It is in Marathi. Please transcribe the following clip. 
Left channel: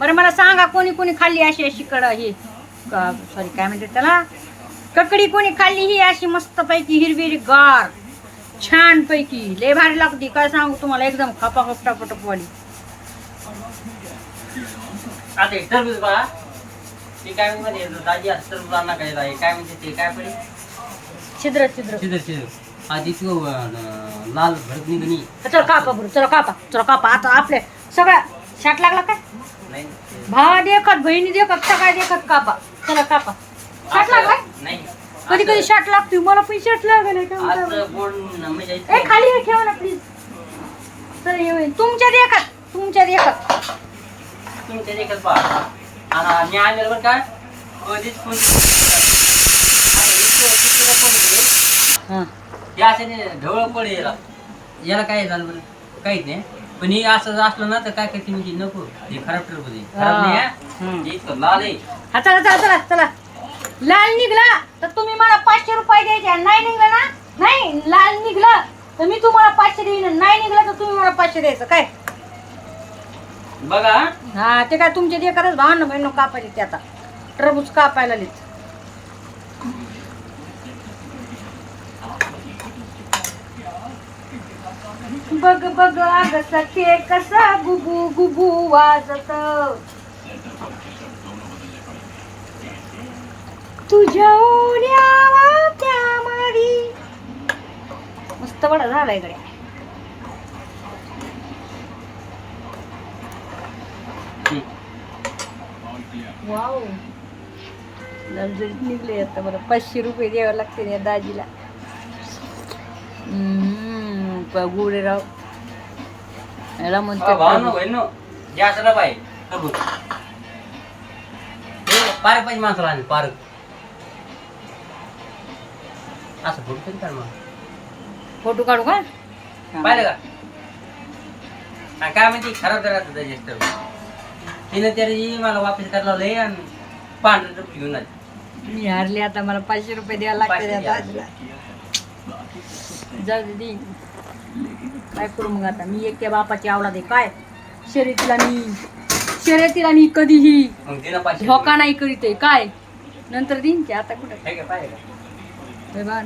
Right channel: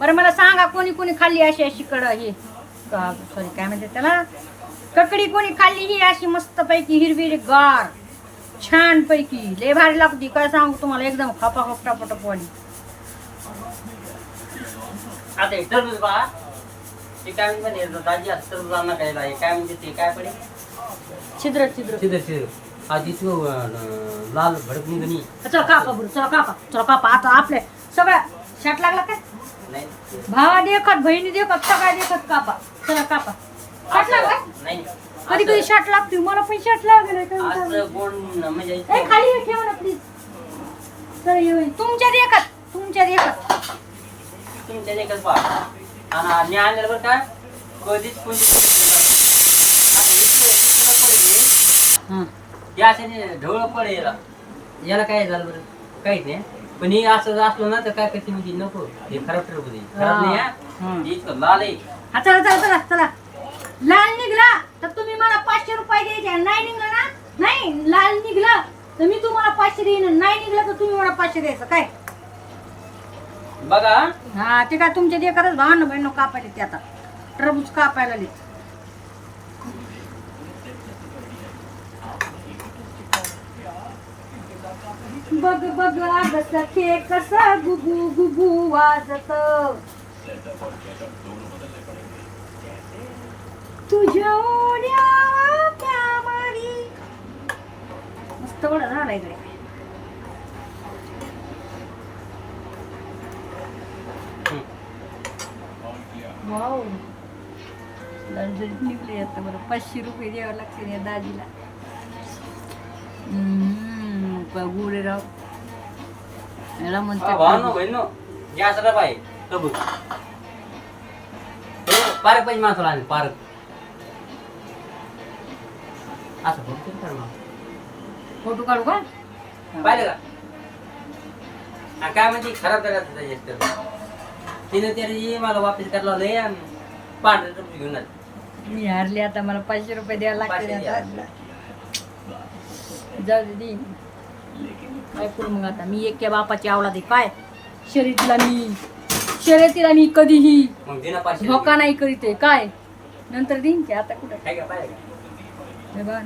बरं मला सांगा, कोणी कोणी खाल्ली अशी अशी हे सॉरी काय म्हणते त्याला, ककडी कोणी खाल्ली ही अशी मस्त पैकी हिरवी गार छान पैकी लय भारी लागते. काय सांगू तुम्हाला, एकदम खपा खपटा पटपवाली. आता हे टरबूज बघा, ते काय म्हणते दाजी असं टरबूज आणा काय काय म्हणते ते काय पडे छिद्र छिद्र छिद्र छिद्र आधी तू लाल भडक निघणी. चला कापा बरं, चला कापा, चला कापा. आता आपल्या सगळ्या शाट लागला काय, नाही भावा देखत बहिणी देखत सगळ्या देखत कापा. चला कापा. शाट लागलाय नाही, कधी कधी शाट लागतोय, मला पण शाट लागलाय. असं गोड म्हणजे ए खाली ठेवा ना प्लीज. तर तुमच्या देखत, तुमच्या देखत तुमच्या देखील पहा. आणि मी आणलेलं बरं का कधीच कोणी हां हे असं ढवळ पडे याला काय झालं बरं, काहीच नाही. पण हे असं असलं ना तर काय करते म्हणजे नको, हे खराब टरबूज आहे, खराब नाही हं. हे इतकं लाल आहे. हा चला चला चला चला. लाल निघला तर तुम्ही मला 500 रुपये द्यायचे. नाही निघला ना, नाही लाल निघला तर मी तुम्हाला 500 देईन, नाही निघला तर तुम्ही मला 500 द्यायचं. काय बघा हा ते काय तुमच्या देखतच भावांना बहिण कापायचे ते. आता टरबूज कापायला लिहित. बघ बघ अग सखे कसा गुबू गुबू वाजत, तुझ्या ओढ्या त्या मारी. मस्त बडा झाला इकडे. वाव ललजलीत निघले. आता मला 500 रुपये द्यावे लागतील या दाजीला. गुडे राव याला म्हणते पारक पाहिजे माणसाला आले पारक असं फोटो तरी काढ मग. फोटो काढू का, पाहिलं का आणि काय म्हणजे खराब राहतं त्याच्या तिने तरी मला वापस करायला लय आणि पांढरं टपली घेऊन आली. मी हारले. आता मला 500 रुपये द्यायला लागते या दाजीला. जाऊ दे देईन. काय करू मग आता, मी एका बापाची आवलाद आहे. काय शर्यतीला मी कधीही मग तिनं पाचशे धोका नाही करीत आहे. काय नंतर देईन की, आता कुठं पाहिलं बा.